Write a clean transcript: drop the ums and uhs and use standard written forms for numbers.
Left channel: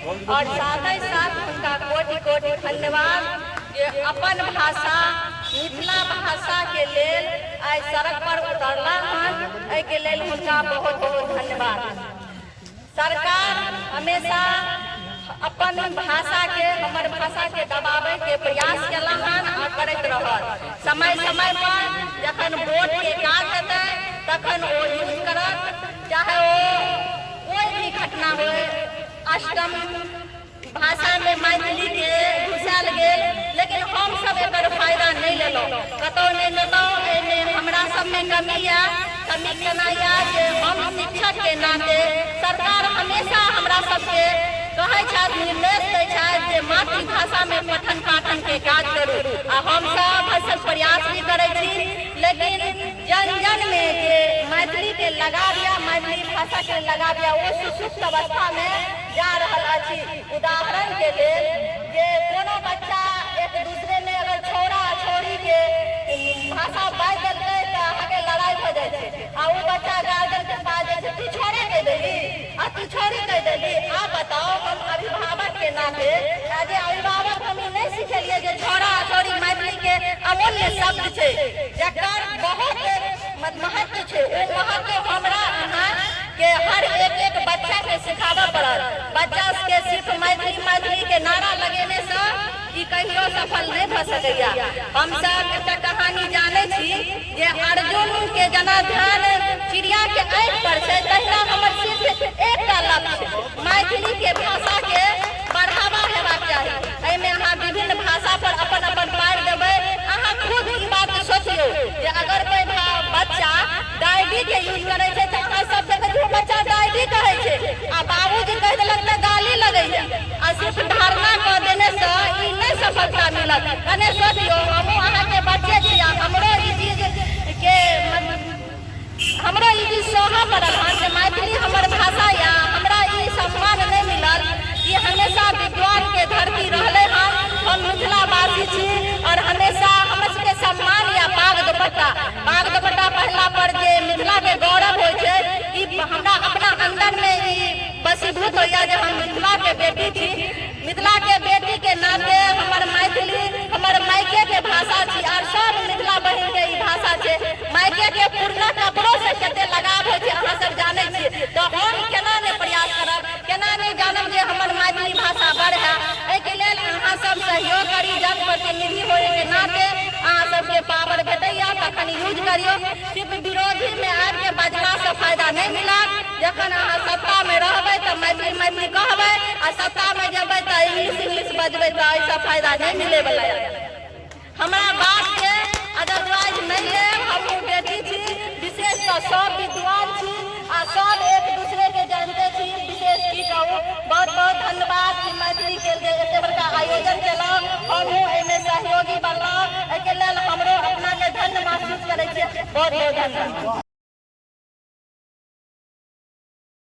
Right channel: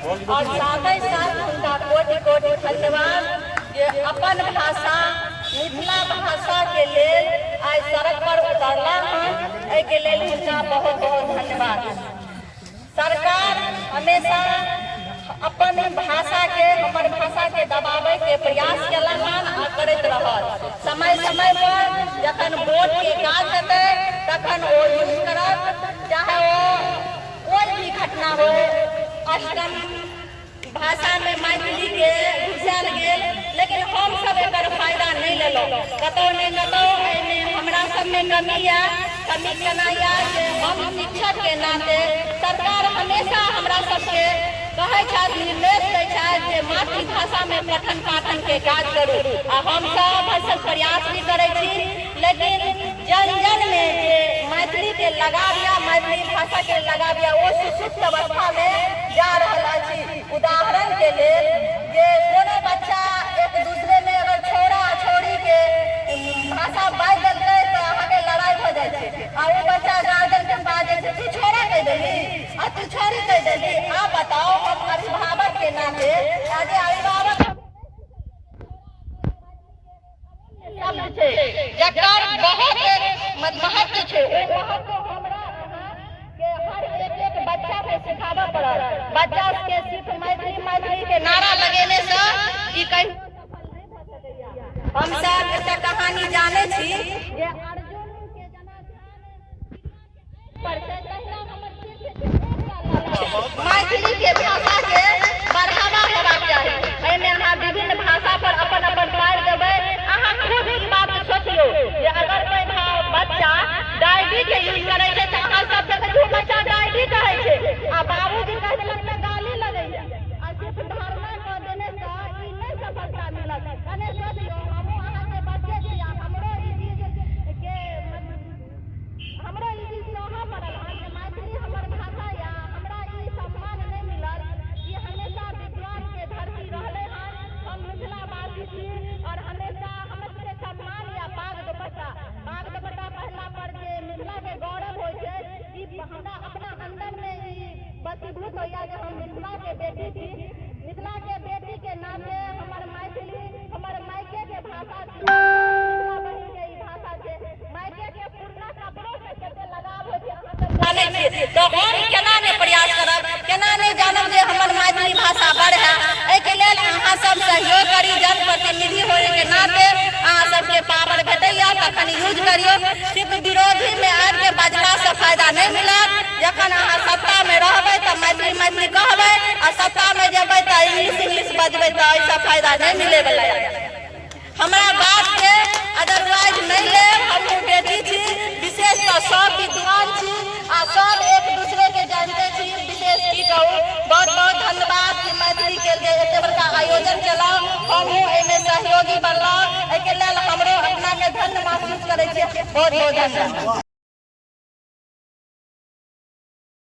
और साथ ही साथ उनका कोटि कोटि धन्यवाद जे अपन भाषा मिथिला भाषा के लेल आज सड़क पर उतरला है के लेल उनका बहुत बहुत धन्यवाद। सरकार हमेशा अपन भाषा के हमर भाषा के दबावे के प्रयास कला और करते रहल। समय समय पर जखन वोट के काज करते तखन वो यूज करत, चाहे वो कोई भी घटना हो अष्टम भाषा में मैथिली के घुसल गेल, लेकिन हम सब एकर फायदा नहीं लेलो। कतौ नहीं कतौ हमरा सब में कमी केना या जे हम शिक्षक के नाते सरकार हमेशा हमरा सबके कहे छथि, निर्देश दै छथि जे मातृभाषा में पठन पाठन के काज करू आ हम सब प्रयास भी करै छी। लेकिन जन जन में जे मैथिली के लगाव या मैथिली भाषा के लगाव या वो सुसुप्त अवस्था में जा रहल अछि। उदाहरण के लेल जे कोनो बच्चा एक दूसरे में अगर छोरा छोरी के भाषा बाजि देलकै तो अहाँके लड़ाई हो जाइ छै आ वो बच्चा गार्जियन के पास जाइ छै, तू छोरा कह देली आ तू छोरी कह देली। आ बताओ हम अभिभावक के नाते आज अभिभावक हम नहीं सिखेलिए जे छोरा छोरी मैथिली के अमूल्य शब्द छै जकर बहुत महत्व छै। ओ महत्व हमरा अहाँ के हर एक बच्चा के सिखाबे पड़त। बच्चा के सिर्फ मैथिली के नारा लगेने से ई कहियो सफल नहीं भ सकैया। हम सब एकटा कहानी जाने छी जे अर्जुन के जना ध्यान चिड़िया के आँख पर छै, तहिना हमर सिर्फ एकटा लक्ष्य मैथिली के भाषा के बढ़ावा हेबाक चाही। एहिमे अहाँ विभिन्न भाषा पर अपन अपन पार देबै। अहाँ खुद ई बात सोचियो जे अगर कोई बच्चा डायरी के यूज करे छै तो अहाँ सब देखै छी बच्चा डायरी कहै छै आ बाबूजी कह देलक त गाली लगैया आ सिर्फ धारणा क देने से ई नहीं सफलता मिलत। कने सोचियो हमहू अहाँ के बच्चे छी, हमरो ई चीज सोहा पड़ल जे मैथिली हमर भाषा या हमरा ई सम्मान नहीं मिलल। ई हमेशा विद्वान के धरती रहले हन। हम मिथिलावासी छी और हमेशा हमर सबके सम्मान या पाग दुपट्टा पहनला पर जे मिथिला के गौरव होइ छै, ई हमरा अपना अंदर में ई बसीभूत होइया जे हम मिथिला के बेटी छी। मिथिला के बेटी के नाते हमर मैथिली हमर मायके के भाषा छी और सब मिथिला बहिन के ई भाषा छै। मायके के पुरना कपड़ों से कते लगाव होइ छै अहाँ सब जानै छी, तो हम केना ने प्रयास करब, केना ने जानब जे हमर मैथिली भाषा बढ़े। एहि के लेल अहाँ सब सहयोग करी। जनप्रतिनिधि होए के नाते अहाँ सबके पावर भेटैया तखन यूज करियो। सिर्फ विरोधी में आबि के बजला से फायदा नहीं मिलत। जखन अहाँ सत्ता में रहबै तो मैथिली कहबै आ सत्ता में जेबै तो इंग्लिश बजबै तो ऐसा फायदा नहीं मिले वाला है। हमारा बात के अदरवाइज नहीं ले, हम बेटी छी, विशेष तो सब विद्वान छी आ सब एक दूसरे के जानते छी। विशेष की कहूँ बहुत बहुत धन्यवाद कि मैथिली के लिए एते बड़का आयोजन चला, हमहूँ एहिमे सहयोगी बनलहुँ। एहि के लेल हमरो अपना के धन्य महसूस करै छी। बहुत बहुत धन्यवाद।